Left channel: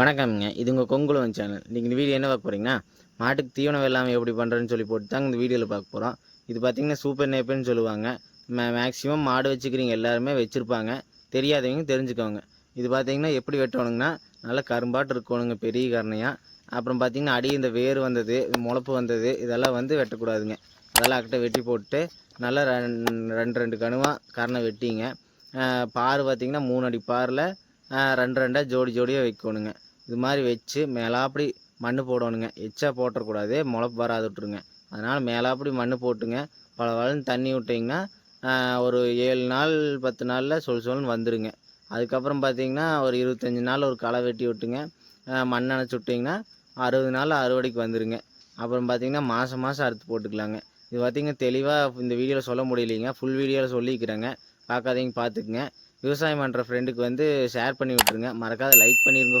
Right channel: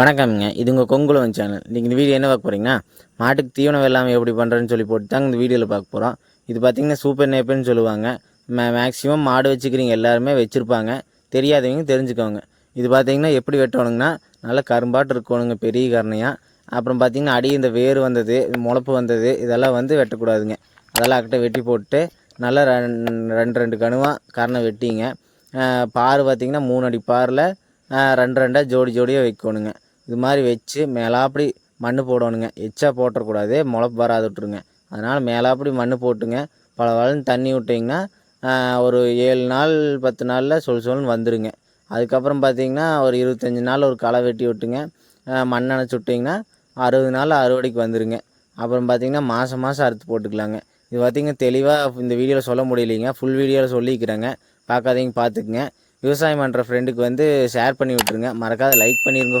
வணக்கம்ங்க. இது உங்கள் கொங்குலவன் சேனல். இன்றைக்கி இந்த வீடியோ என்ன பார்க்க போகிறீங்கன்னா, மாட்டுக்கு தீவனம் வெள்ளாமை எப்படி பண்ணுறதுன்னு சொல்லி போட்டு தாங்க இந்த வீடியோவில் பார்க்க போகிறோம். இது பார்த்திங்கன்னா சூப்பர் நேப்புன்னு சொல்லுவாங்க. மேக்ஸிமம் மாடு வச்சுக்கிறீங்க எல்லாருமே வச்சுருப்பாங்க. தெரியாதவங்க தெரிஞ்சுக்கோங்க. இது பார்த்திங்கன்னா எப்படி வெட்டணுங்கன்னா, நல்லா கரும்பாட்டு இருக்கணுங்க, பெரிய கரணையாக. அப்புறம் பார்த்திங்கன்னா அடி இந்த வேர் வந்தது, முளப்பு வந்தது, இதெல்லாம் வந்து வெட்டக்கூடாதுங்க. அதெல்லாம் அக்கிட்ட வெட்டி போட்டு நல்லா ரெண்டு கணுவாக கரணை வெட்டிங்க. பார் பார்த்திங்கன்னா 3 அடி பாரில் ரெண்டாக ஜோடி ஜோடியாக வைக்கணுங்க. இது மாதிரி வச்சு மேலாப்படி மண் போடணுங்க. எச்சா போட்டுறக்கூடாது, முளப்பு வராது விட்ருங்க. அதனால் மேலாப்படி மண் போட்டுங்க பலன்னு தண்ணி விட்டிங்கன்னா ஒரு 7 நாள் 10 நாளில் சொல்லுன்னு வந்துடுங்க. அதுக்கப்புறம் பார்த்திங்கன்னா ஒரு 25 நாள் ஒரு களை வெட்டி விட்டுங்க. மண் அணைச்சி விட்டிங்கன்னா 60 நாள் அறுவடைக்கு வந்துடுங்க. அப்புறம் பார்த்திங்கன்னா மாதம் அறுத்து போட்டுக்கலாங்க. இது பார்த்திங்கன்னா தெளிவாக இந்த வீடியோவில் சொல்ல முடியலைங்க, ஃபுல் வீடியோவில் சொல்லிக்கிறேங்க. பார்க்காதீங்க பார்த்துக்குங்க. விவசாயம் பண்ணுற ஃப்ரெண்டுக்கு வந்து ஷேர் பண்ணி விட்ருங்க. மறக்காத லைக் பண்ணிடுங்க.